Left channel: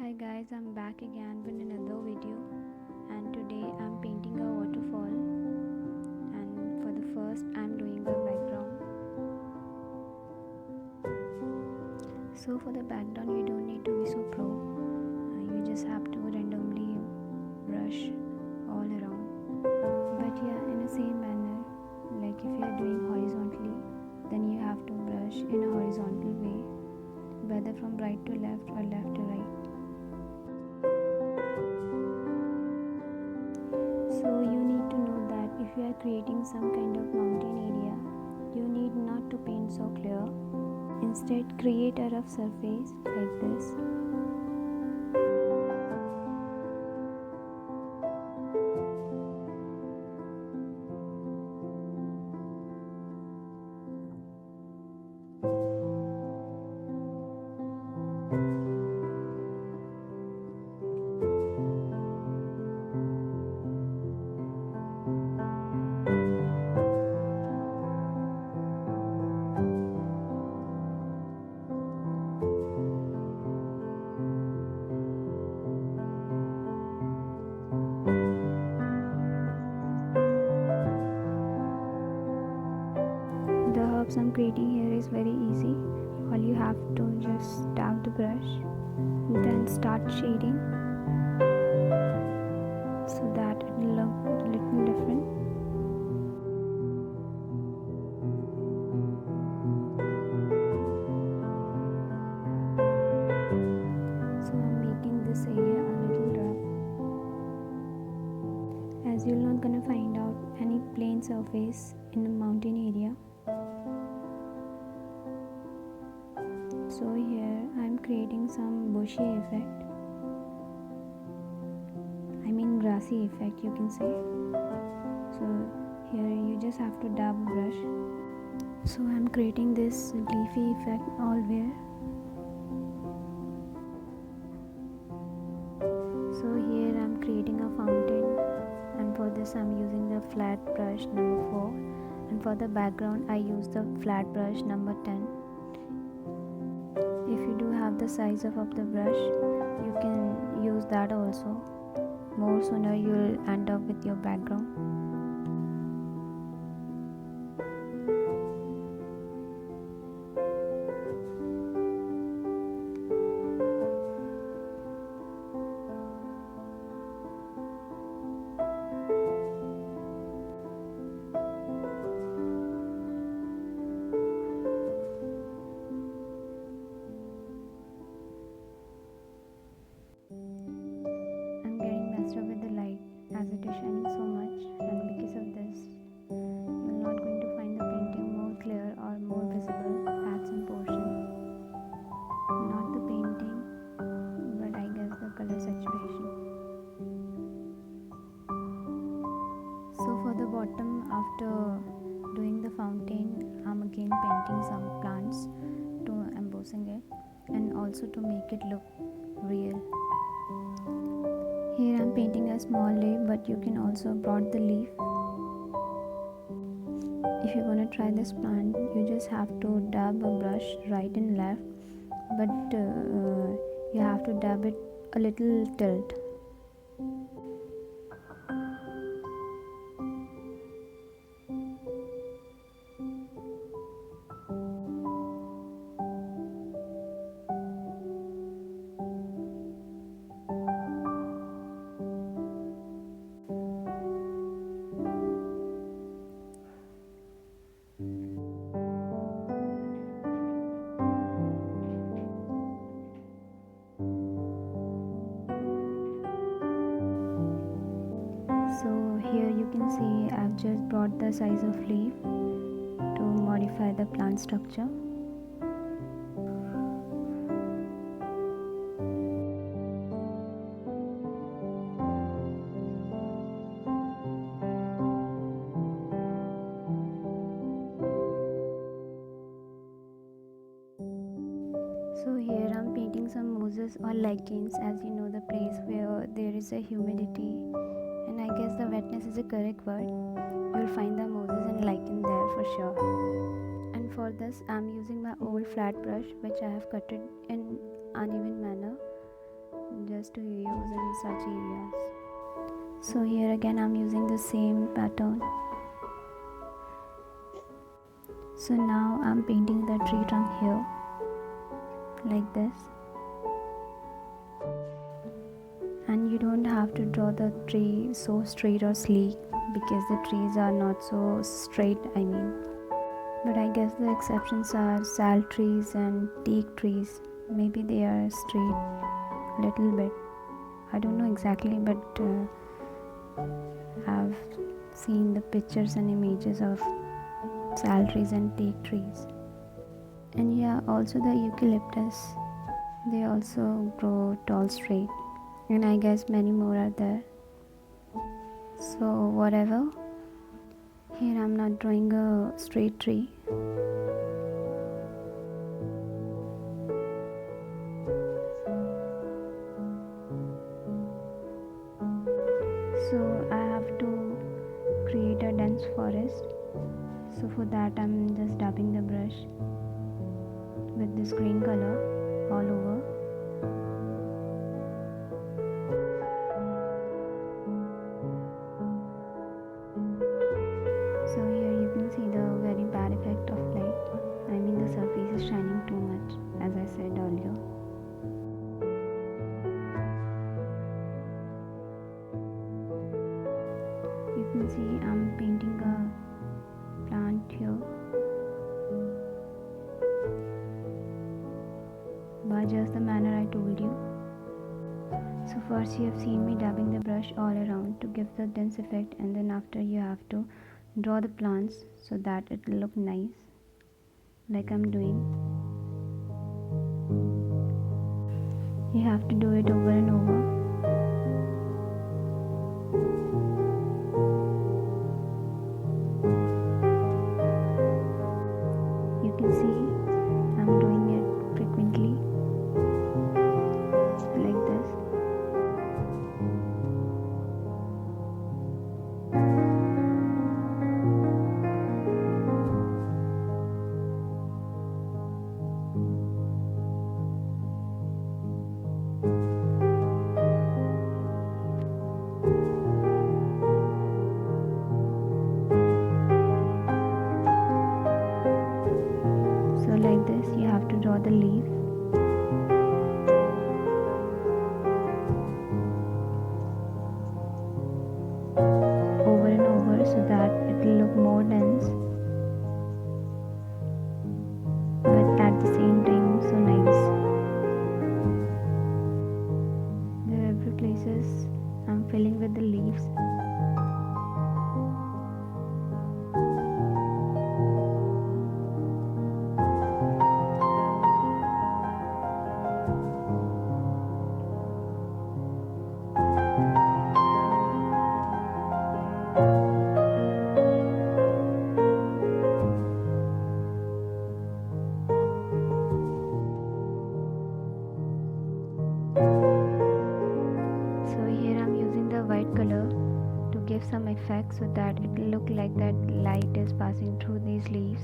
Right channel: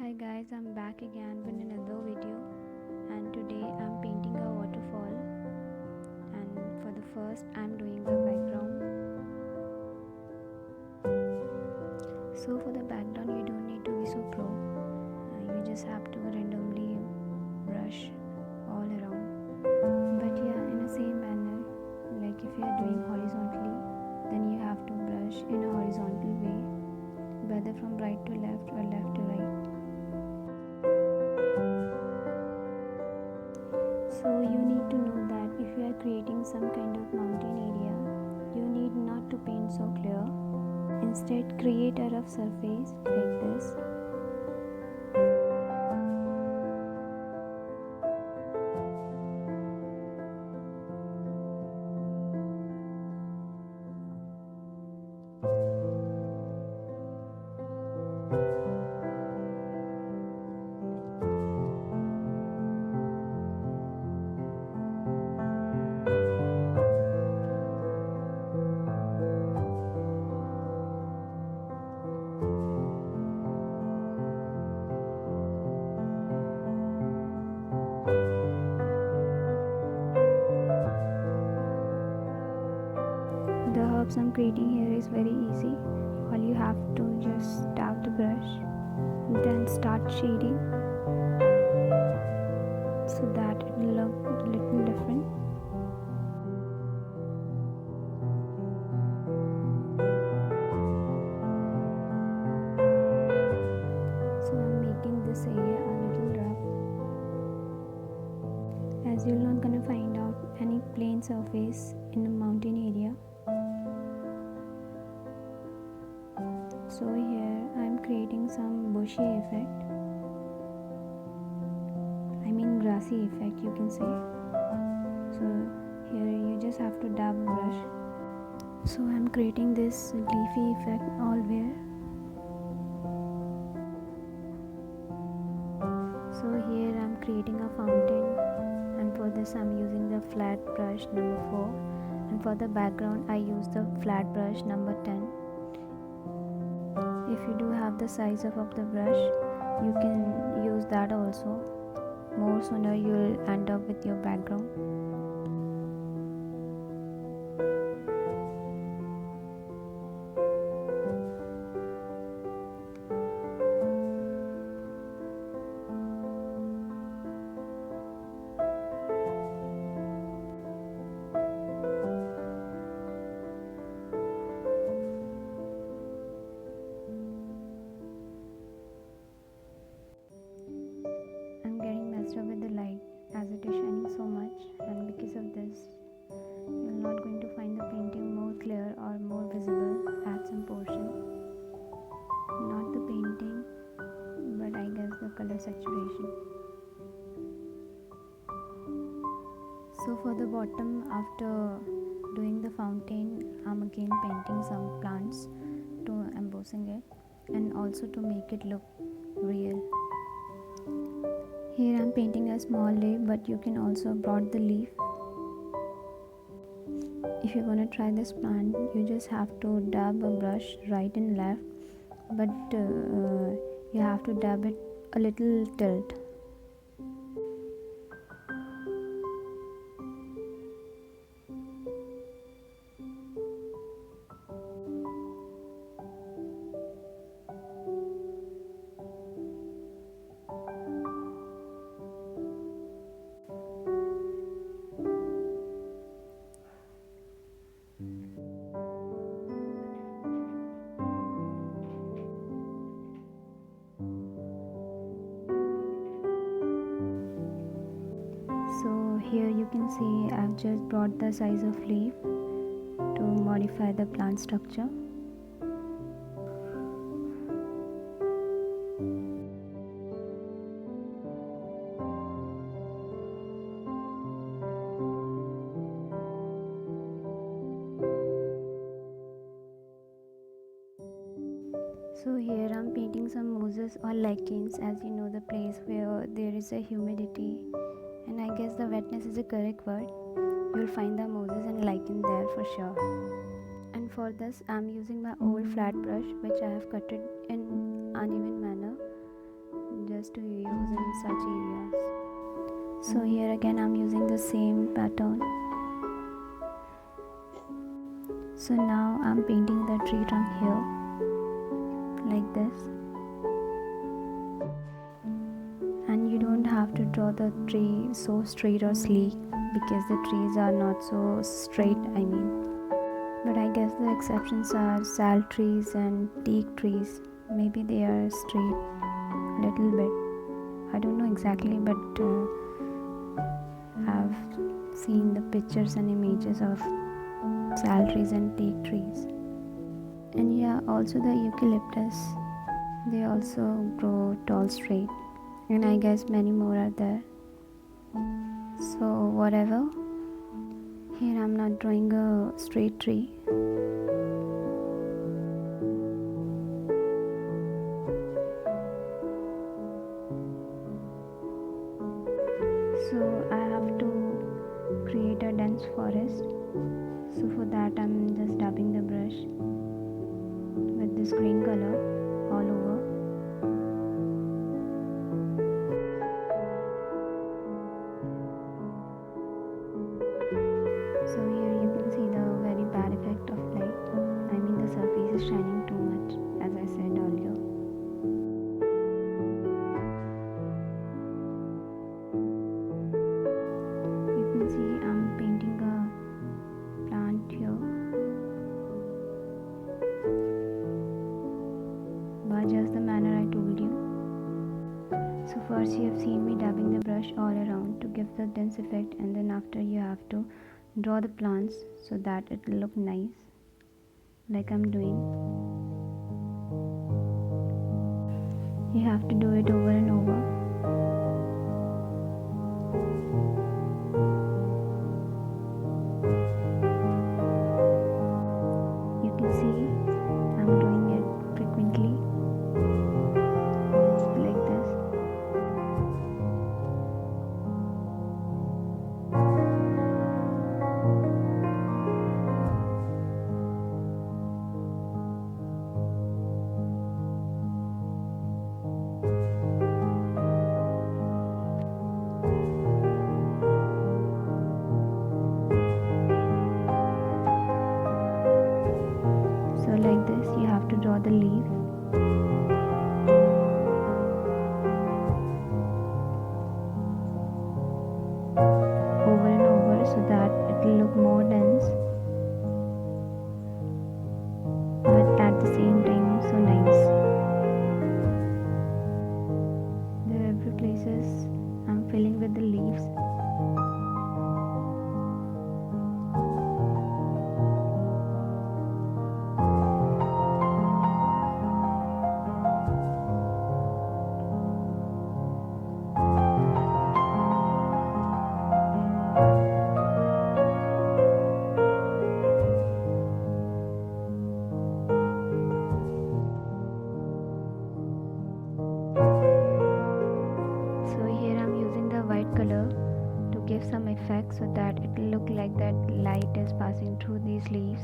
Hi guys, I'm back again with another video, and today I'm painting a waterfall. And for the first I'm doing the background. So for the background you don't need to be so pro. You just have to randomly brush all around. But yeah, in the same manner, like if you are doing horizontally, then you have to brush in a horizontal way, whether from right to left or left to right. So you need to know that if you are creating some kind of mountain area, you need not to paint so clear. Instead, create a rough surface like this. The herbs I'm creating here is very easy. All you have to just tap the brush, then start shading so that it will look a little different. So I'm making this area a little rough, as you're not gonna find out any plain surface in the mountain area. So here I'm creating some bushy effect, I mean grassy effect you can say. So here you just have to dab a brush. So I'm creating this leafy effect allwhere. So here I'm creating a fountain, and for this I'm using the flat brush number 4, and for the background I use the flat brush number 10. If you do have the size of the brush, you can use that also. More sooner you'll end up with your background. Up with the light as it is shining so much, and because of this you're not going to find the painting more clear or more visible at some portion. Not the painting, but I guess the color saturation. So for the bottom, after doing the fountain, I'm again painting some plants to embossing it and also to make it look real. Here I'm painting a small leaf, but you can also broad the leaf. If you want to try this plant, you just have to dab a brush right and left, but you have to dab it a little tilt. So here you can see I've just brought the size of leaf to modify the plant structure. So here I'm painting some mosses or lichens, as you know, the place where there is a humidity, and I guess the wetness is a correct word. You'll find the mosses and lichen there for sure. And for this I'm using my old flat brush, which I have cut it in uneven manner just to use in such areas. So here again I'm using the same pattern. So now I'm painting the tree trunk here like this, and you don't have to draw the tree so straight or sleek because the trees are not so straight, but I guess the exceptions are sal trees and teak trees. Maybe they are straight a little bit, I don't know exactly, but I've seen the pictures and images of sal trees and teak trees. And yeah, also the eucalyptus, they also grow tall straight, and I guess many more are there. So whatever, here I'm not drawing a straight tree. So I have to create a dense forest. So for that I'm just dabbing the brush with this green color all over. So here you can see the very bad effect of light. The surface is shining too much, as I said earlier. You can see I'm painting a plant here, by just the manner I told you. So first you have seen me dabbing the brush all around to give the dense effect, and then after you have to draw the plants so that it will look nice, like I'm doing. You have to do it over and over. You can see I'm doing it frequently, like this. So like this you have to draw the leaf. Over and over so that it will look more dense, but at the same time so nice. There are every places I'm filling with the leaves. So here I'm using the white color to give some effect so that it will look like that light is passing through these leaves.